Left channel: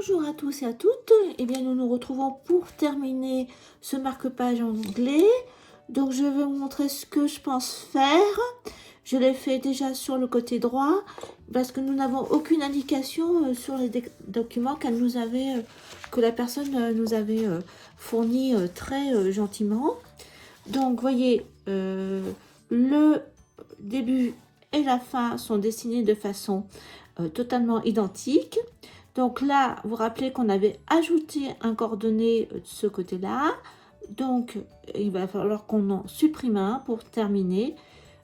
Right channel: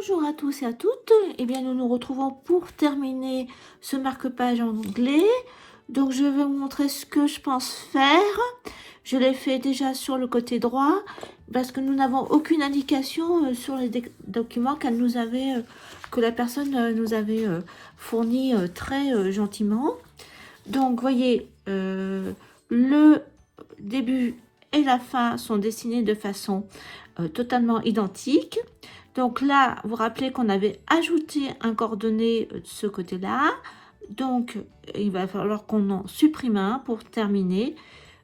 Bonjour à tous et à toutes. Eh bien, nous nous retrouvons pour terminer ce marque-page anglais. Donc, je vais vous montrer ce que je pense faire. Je l'ai fait déjà sur le côté droit parce que nous n'avons aucune indication sur les documents que la personne nous avait fourni très gentiment. Donc, voyez, le début et la fin sont dessinés de façon totalement identique. Donc là, vous vous rappelez qu'on avait ajouté un coordonné de ce côté-là. Donc, il va falloir qu'on en supprime un pour terminer.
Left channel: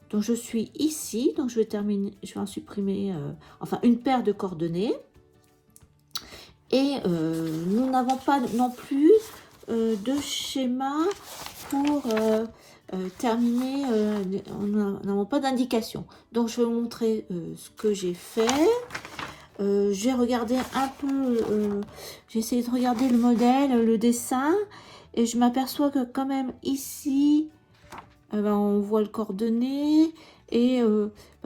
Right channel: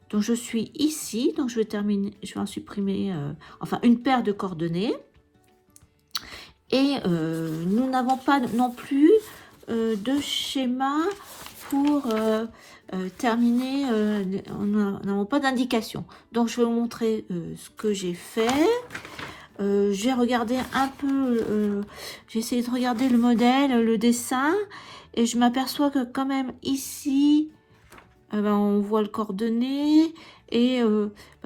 Donc, je suis ici. Donc, je vais en supprimer enfin une paire de coordonnées. Et nous n'avons pas non plus de schéma pour terminer. Nous n'avons pas d'indication. Donc, je vais vous montrer ce que j'ai fait. J'ai regardé un peu, j'ai essayé de regarder le modèle, le dessin, et je m'aperçois que quand même ici, on voit le coordonné, et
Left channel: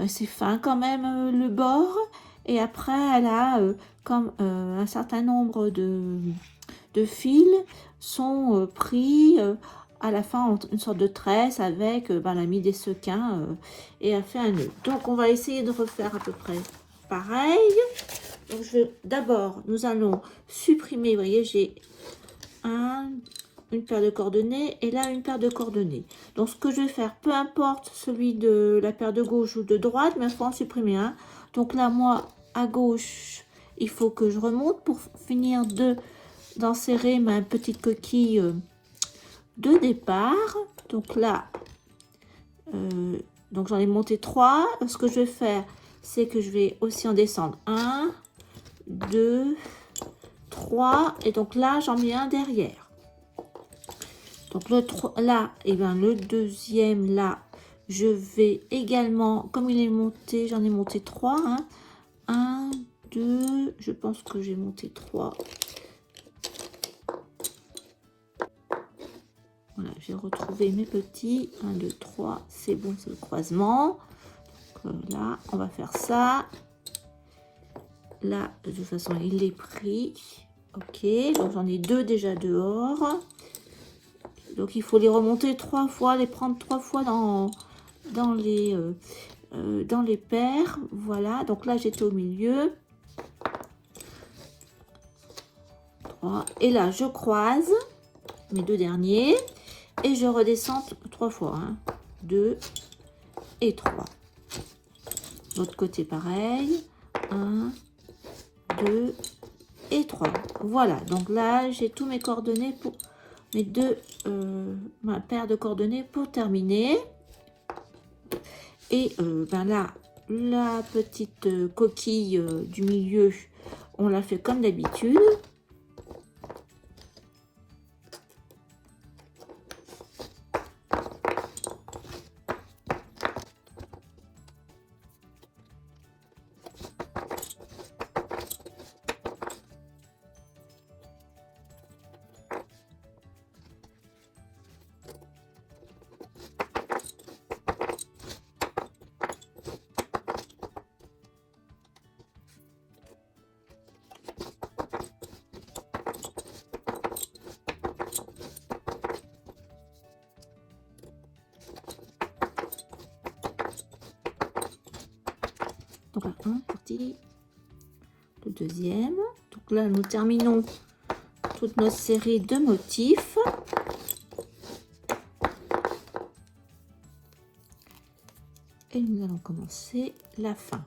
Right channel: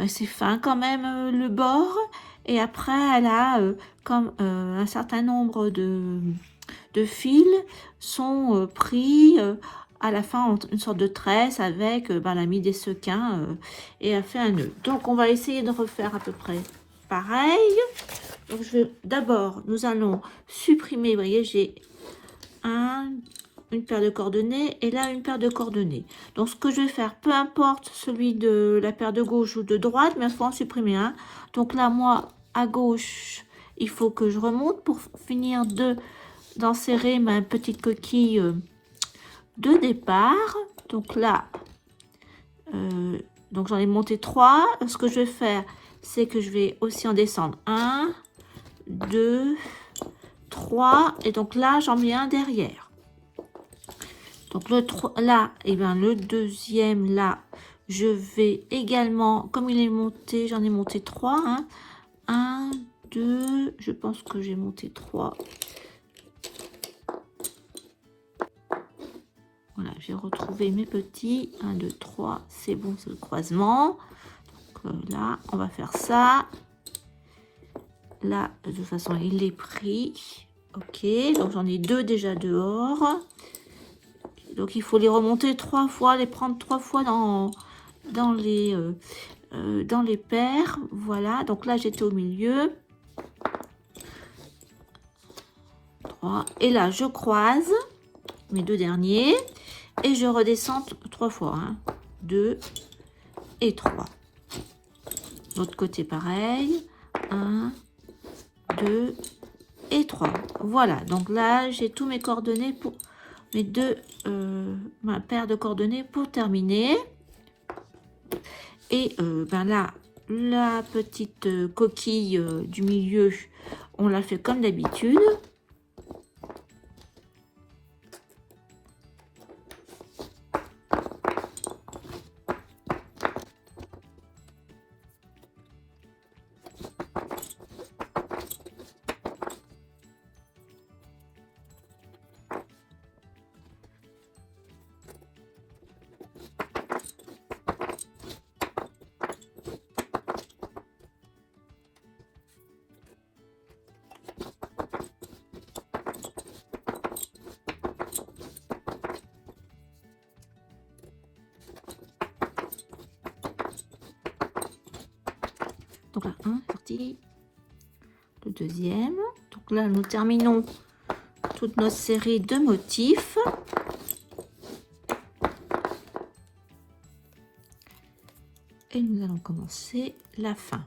c'est fin quand même le bord, et après elle a comme un certain nombre de fils sont pris à la fin en une sorte de tresse avec, elle a mis des sequins et a fait un nœud. Donc on va essayer de refaire à peu près pareil. Donc d'abord nous allons supprimer, vous voyez, j'ai une paire de coordonnées et là une paire de coordonnées. Donc ce que je vais faire, peu importe celui de la paire de gauche ou de droite, mais il faut en supprimer un. Donc là, moi à gauche, il faut que je remonte pour finir d'enserrer ma petite coquille de départ. Donc là, donc j'en ai monté 3. Ce que je vais faire, c'est que je vais aussi en descendre 1, 2, 3, et donc là j'en mets un derrière. Donc là, et bien le deuxième là, je vais également, comme il est monté, j'en ai monté 3, 1, 2, je pense que j'ai monté 3. Voilà, j'ai retrouvé mes petits, 1, 2, 3, c'est bon, c'est le croisement. Donc, là, on va faire ça. Là, de toute façon, il est pris. Ok, donc j'en ai 2 déjà dehors. Donc, il faut les remonter 3 fois, les prendre 3 fois dans les paires. Voilà, donc là, j'étais au milieu. 3. Et là, je croise mes 2 derniers. Et je redescends 3 fois. 2 et 3. L'autre côté, pareil. 1, 2 et 3. Voilà, donc là j'ai tous mes coordonnées pour ma paire de coordonnées pour terminer. Et là, la petite coquille du milieu, on l'a fait comme d'habitude. Donc là, un parti, le deuxième. Donc là, nous terminons toute notre série de motifs. Et nous allons commencer la fin.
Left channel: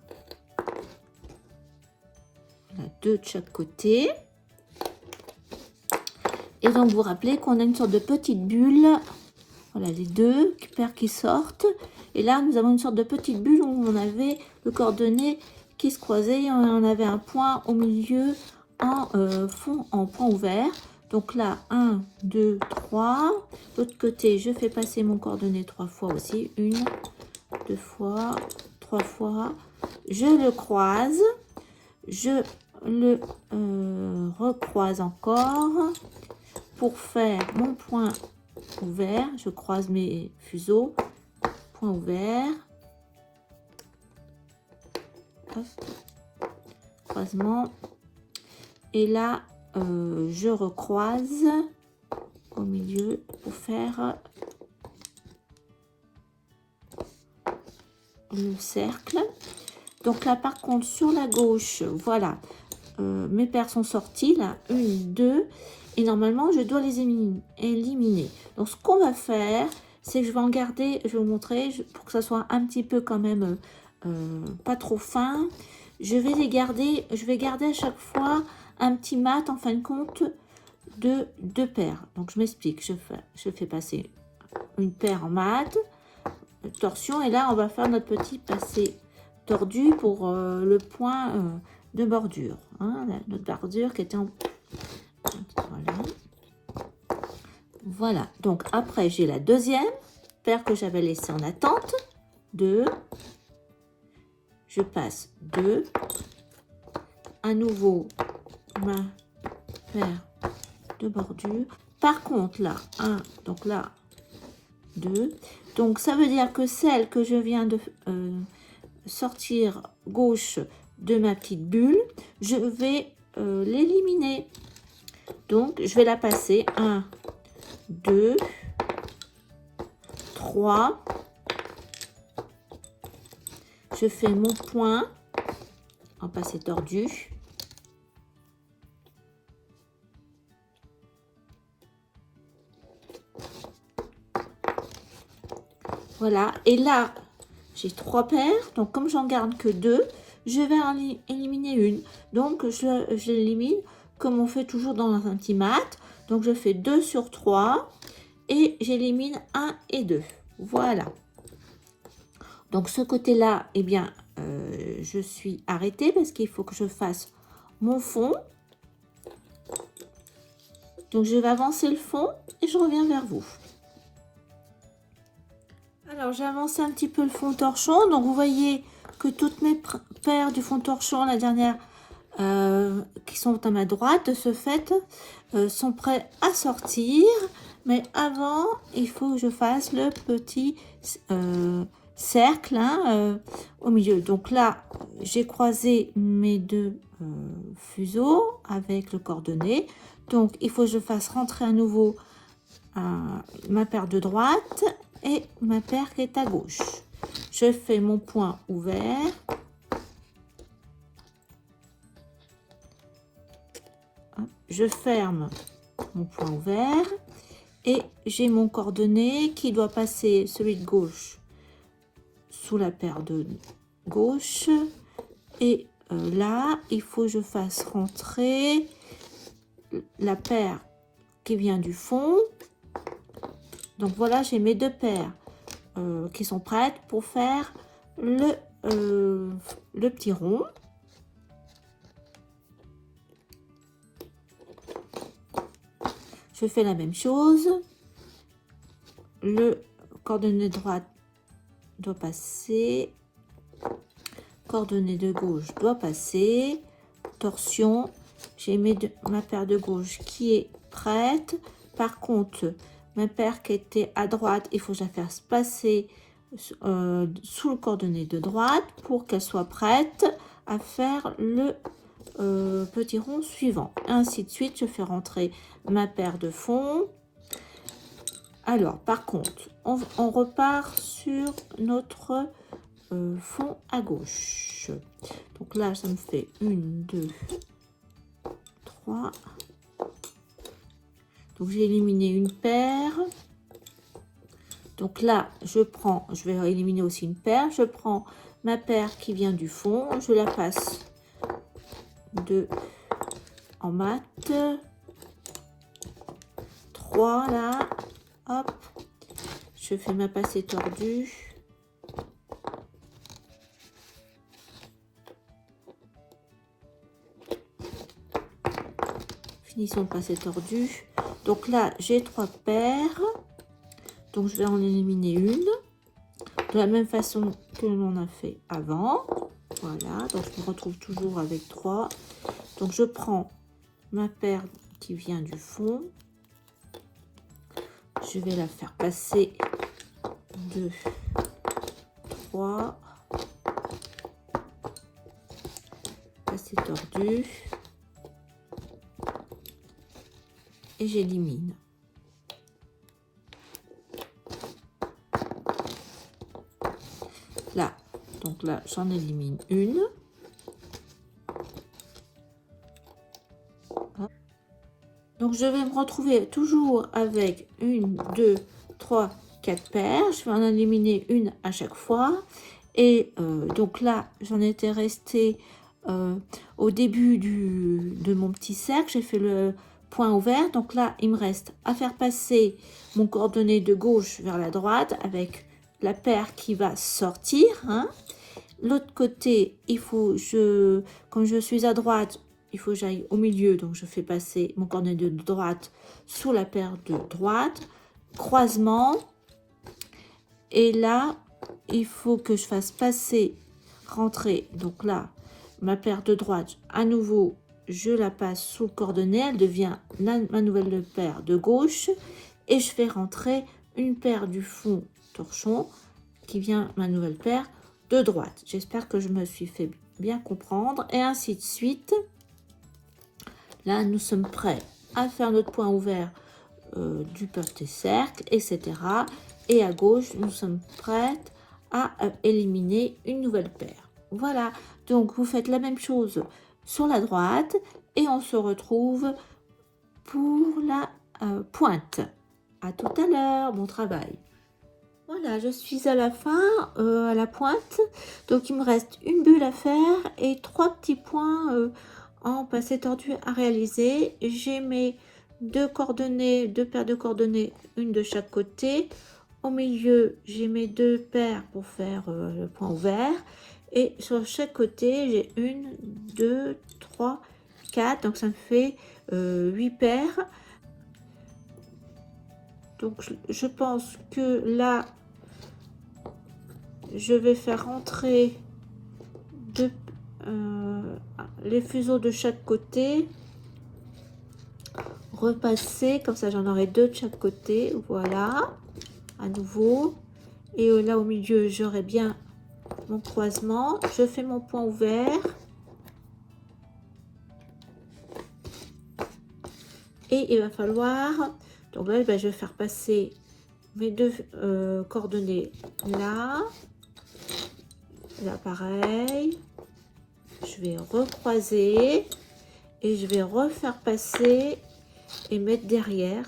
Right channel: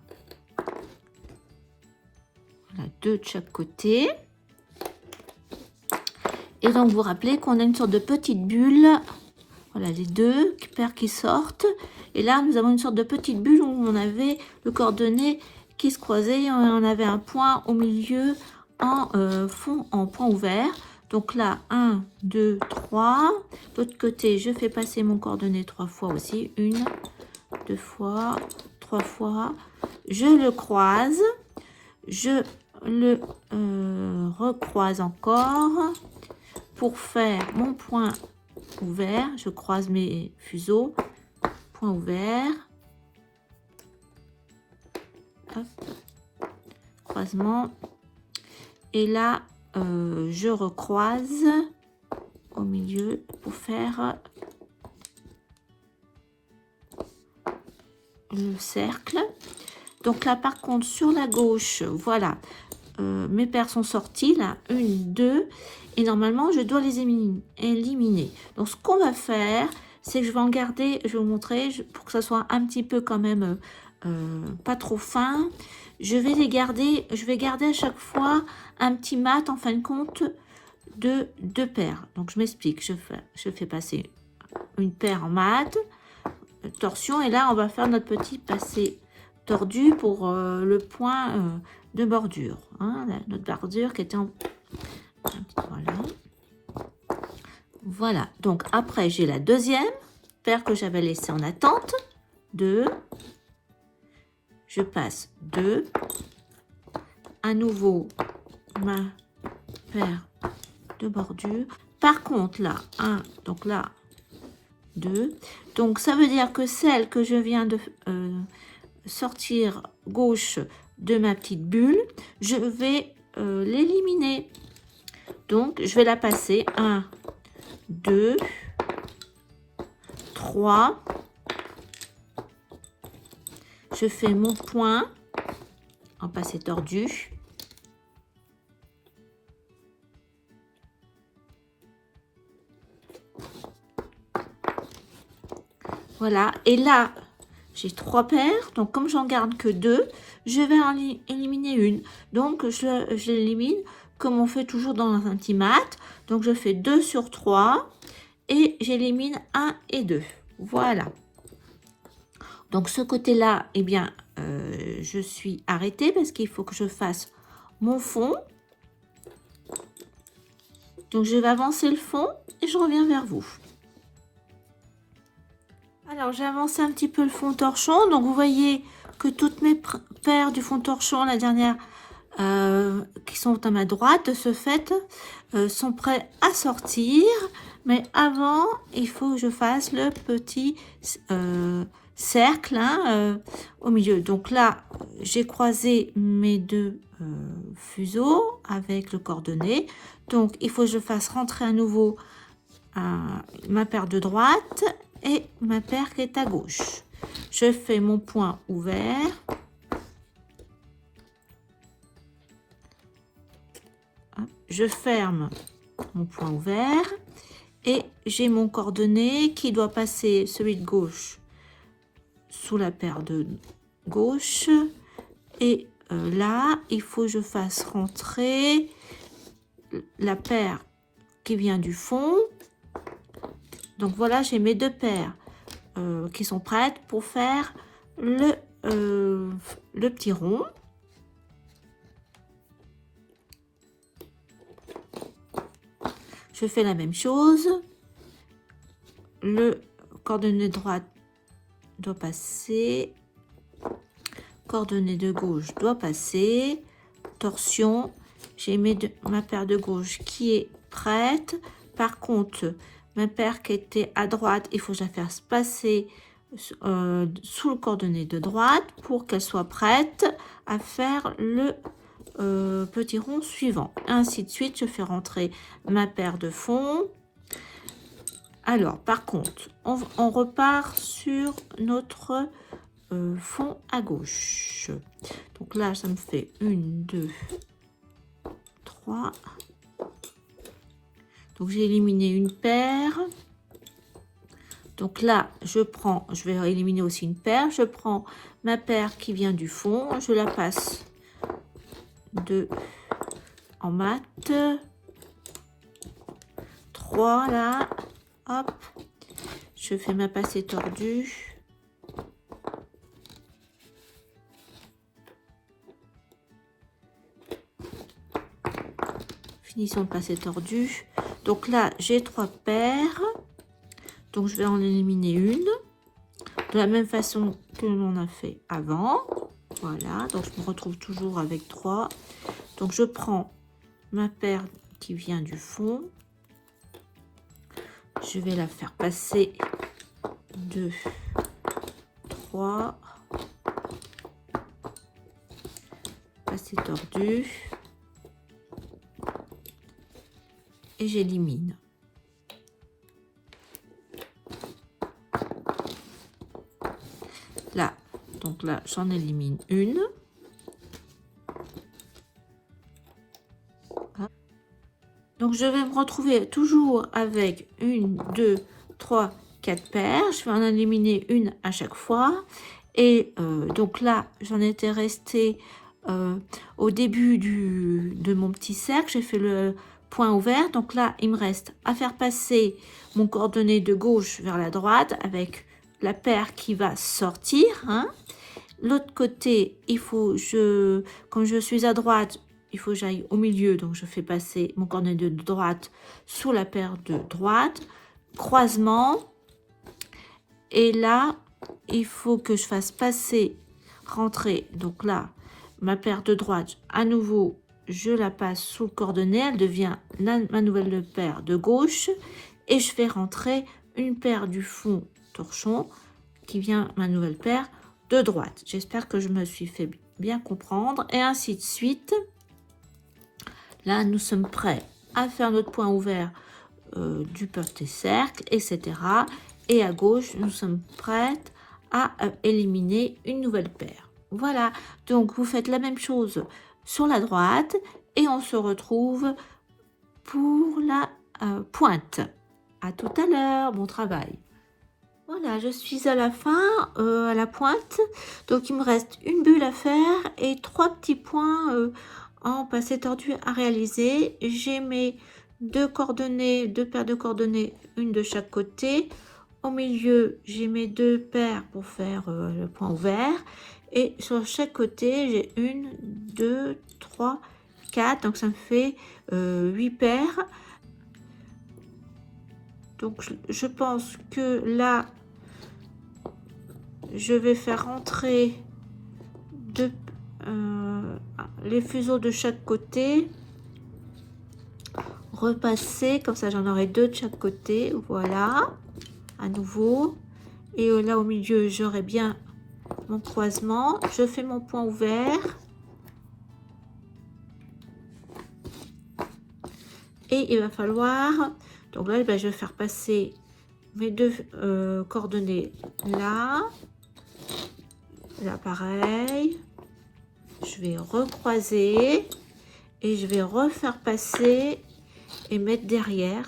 Voilà, 2 de chaque côté. Et donc, vous vous rappelez qu'on a une sorte de petite bulle. Voilà, les 2 paires qui sortent. Et là, nous avons une sorte de petite bulle où on avait le coordonné qui se croisait. On avait un point au milieu en point ouvert. Donc là, 1, 2, 3. De l'autre côté, je fais passer mon coordonné 3 fois aussi. 1, 2 fois, 3 fois. Je le croise. Je le recroise encore pour faire mon point ouvert. Je croise mes fuseaux. Point ouvert. Hop. Croisement. Et là, je recroise au milieu pour faire le cercle. Donc là, par contre, sur la gauche, voilà, mes paires sont sorties, là, 1, 2, et normalement, je dois les éliminer. Donc, ce qu'on va faire, c'est que je vais en garder, je vais vous montrer, pour que ça soit un petit peu quand même pas trop fin. Je vais les garder, je vais garder à chaque fois un petit mat, en fin de compte, de 2 paires. Donc, je m'explique, je fais passer une paire en mat, torsion, et là, on va faire notre petit passé tordu pour le point de bordure, hein, notre bordure qui était en... Voilà. Voilà, donc après j'ai la deuxième paire que j'avais laissée en attente, 2, je passe 2, à nouveau ma paire de bordure, par contre là, 1, donc là, 2, donc ça veut dire que celle que je viens de sortir gauche de ma petite bulle, je vais l'éliminer. Donc, je vais la passer 1, 2, 3. Je fais mon point en passé tordu. Voilà, et là, j'ai 3 paires, donc comme j'en garde que 2, je vais en éliminer une. Donc, je l'élimine comme on fait toujours dans un petit mat. Donc, je fais 2 sur 3 et j'élimine 1 et 2. Voilà. Donc, ce côté-là, eh bien, je suis arrêtée parce qu'il faut que je fasse mon fond. Donc, je vais avancer le fond et je reviens vers vous. Alors, j'ai avancé un petit peu le fond torchon. Donc, vous voyez que toutes mes paires du fond torchon, la dernière qui sont à ma droite, de ce fait, sont prêts à sortir. Mais avant, il faut que je fasse le petit cercle au milieu. Donc là, j'ai croisé mes 2 fuseaux avec le cordonnet. Donc, il faut que je fasse rentrer à nouveau ma paire de droite et ma paire qui est à gauche. Je fais mon point ouvert. Je ferme mon point ouvert et j'ai mon cordonnet qui doit passer, celui de gauche, sous la paire de gauche. Et là, il faut que je fasse rentrer la paire qui vient du fond. Donc voilà, j'ai mes 2 paires qui sont prêtes pour faire le petit rond. Je fais la même chose. Le cordonnet de droite doit passer. Cordonnet de gauche doit passer. Torsion. J'ai ma paire de gauche qui est prête. Par contre, ma paire qui était à droite, il faut que je la fasse passer sous le cordonnet de droite pour qu'elle soit prête à faire le petit rond suivant. Ainsi de suite, je fais rentrer ma paire de fond. Alors, par contre, on repart sur notre fond à gauche. Donc là, ça me fait 1, 2, 3. Donc, j'ai éliminé une paire. Donc là, je vais éliminer aussi une paire. Je prends ma paire qui vient du fond. Je la passe en mat. 3 là. Hop. Je fais ma passée tordue. Finissons le passé tordu. Donc là, j'ai 3 paires. Donc je vais en éliminer une. De la même façon que l'on a fait avant. Voilà. Donc je me retrouve toujours avec 3. Donc je prends ma paire qui vient du fond. Je vais la faire passer 2, 3. Passé tordu. et j'élimine. Là, donc là, j'en élimine une. Donc, je vais me retrouver toujours avec 1, 2, 3, 4 paires. Je vais en éliminer une à chaque fois. Et donc là, j'en étais restée au début de mon petit cercle. J'ai fait le point ouvert. Donc là, il me reste à faire passer mon coordonné de gauche vers la droite avec la paire qui va sortir. Hein. L'autre côté, il faut, comme je suis à droite, il faut que j'aille au milieu, donc je fais passer mon coordonné de droite sous la paire de droite, croisement, et là, il faut que je fasse passer, rentrer, donc là, ma paire de droite, à nouveau, je la passe sous le coordonné, elle devient ma nouvelle paire de gauche, et je fais rentrer une paire du fond torchon, qui vient ma nouvelle paire de droite. J'espère que je me suis fait bien comprendre, et ainsi de suite. Là, nous sommes prêts à faire notre point ouvert du petit cercle, etc. Et à gauche, nous sommes prêtes à éliminer une nouvelle paire. Voilà, donc vous faites la même chose sur la droite et on se retrouve pour la pointe. À tout à l'heure, bon travail. Voilà, je suis à la fin, à la pointe. Donc, il me reste une bulle à faire et 3 petits points en passé tordu à réaliser. J'ai mes deux paires de coordonnées, une de chaque côté. Au milieu, j'ai mes 2 paires pour faire le point ouvert. Et sur chaque côté, j'ai 1, 2, 3, 4. Donc, ça me fait 8 paires. Donc, je pense que là, je vais faire rentrer les fuseaux de chaque côté, repasser, comme ça j'en aurai 2 de chaque côté, voilà, à nouveau. Et là au milieu, j'aurai bien mon croisement. Je fais mon point ouvert. Et il va falloir, donc là, je vais faire passer mes 2 coordonnées là. Là, pareil. Je vais recroiser et je vais refaire passer et mettre derrière.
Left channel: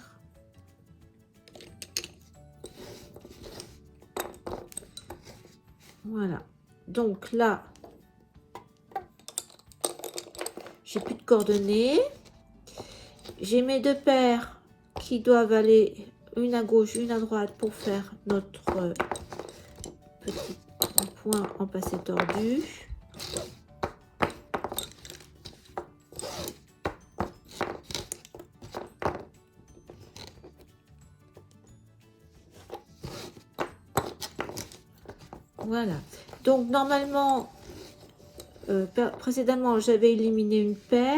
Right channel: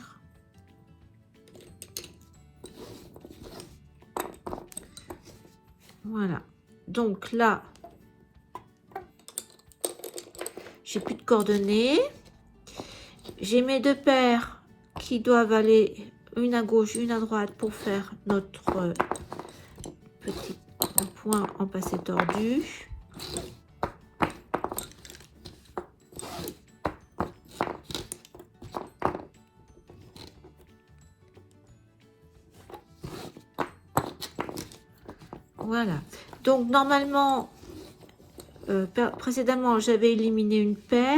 Voilà. Donc là, j'ai plus de coordonnées. J'ai mes 2 paires qui doivent aller une à gauche, une à droite pour faire notre petit point en passé tordu. Voilà. Donc normalement, précédemment, j'avais éliminé une paire.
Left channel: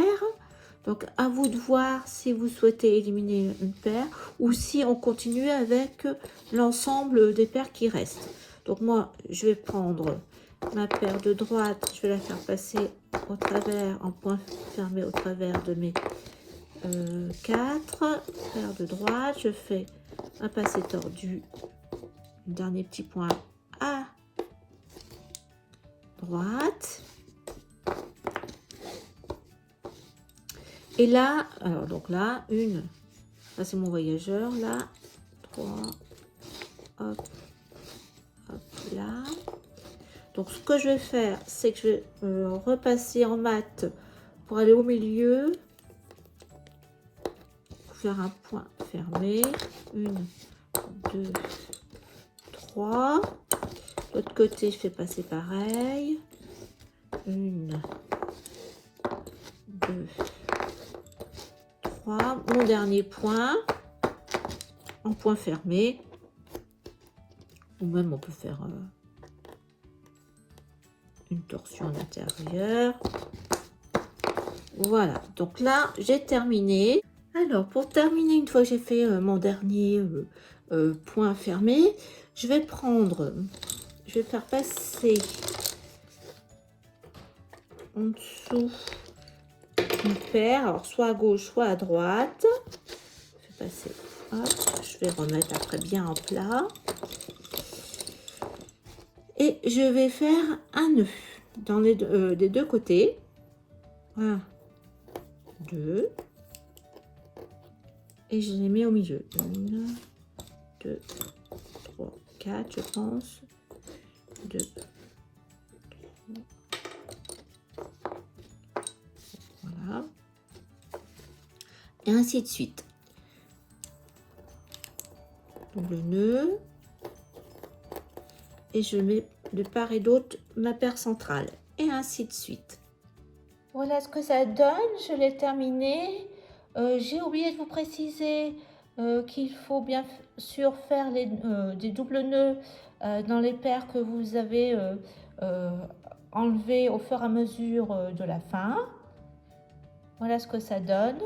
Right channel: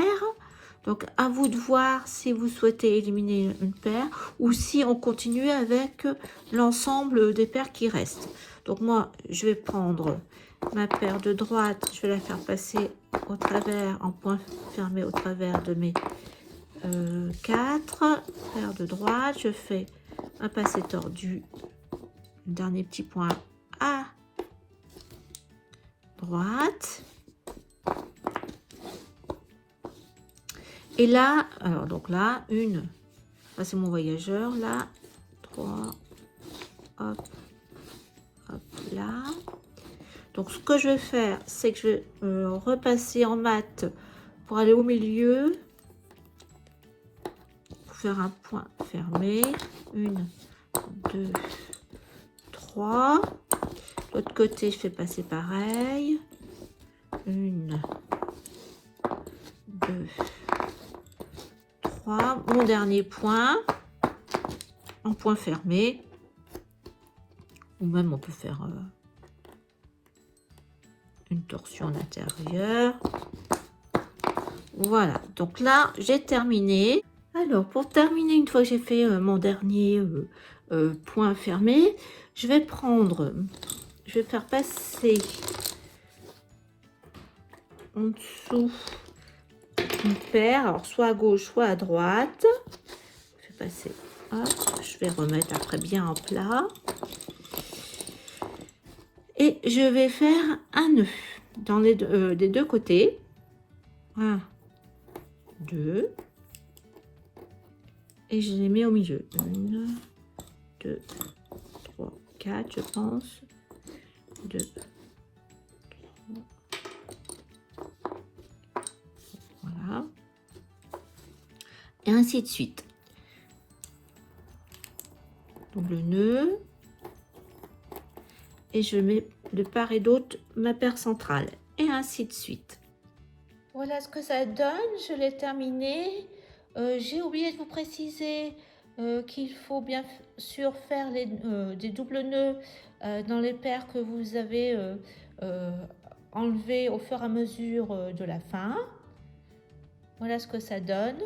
Donc à vous de voir si vous souhaitez éliminer une paire ou si on continue avec l'ensemble des paires qui restent. Donc moi, je vais prendre ma paire de droite, je vais la faire passer au travers, en point fermé au travers de mes 4 paires de droite. Je fais un passé tordu, un dernier petit point à droite. Et là, alors donc là, ça c'est mon voyageur, là, 3, hop, hop, là. Donc ce que je vais faire, c'est que je vais me repasser en mat pour aller au milieu, pour faire un point fermé, 1, 2, 3. L'autre côté, je fais passer pareil, 1, 2, mon dernier point en point fermé, ou même on peut faire une torsion à l'intérieur. Voilà, donc là j'ai terminé. Alors pour terminer, une fois que j'ai fait mon dernier point fermé, je vais faire passer en dessous une paire, alors soit à gauche, soit à droite. passer. Hop, je vais remettre après bien en plat. Et je vais faire un nœud dans des deux côtés. 1, 2. Et je les mets au milieu. 1, 2, 3, 4, je pense. 2, 3. Voilà. Et ainsi de suite. Double nœud. Et je mets de part et d'autre ma paire centrale. Et ainsi de suite. Voilà ce que ça donne. Je l'ai terminé. J'ai oublié de vous préciser qu'il faut bien sûr faire des doubles nœuds dans les paires que vous avez enlevées au fur et à mesure de la fin. Voilà ce que ça donne.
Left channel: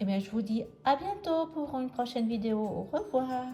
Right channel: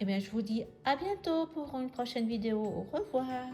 Et bien, je vous dis à bientôt pour une prochaine vidéo. Au revoir.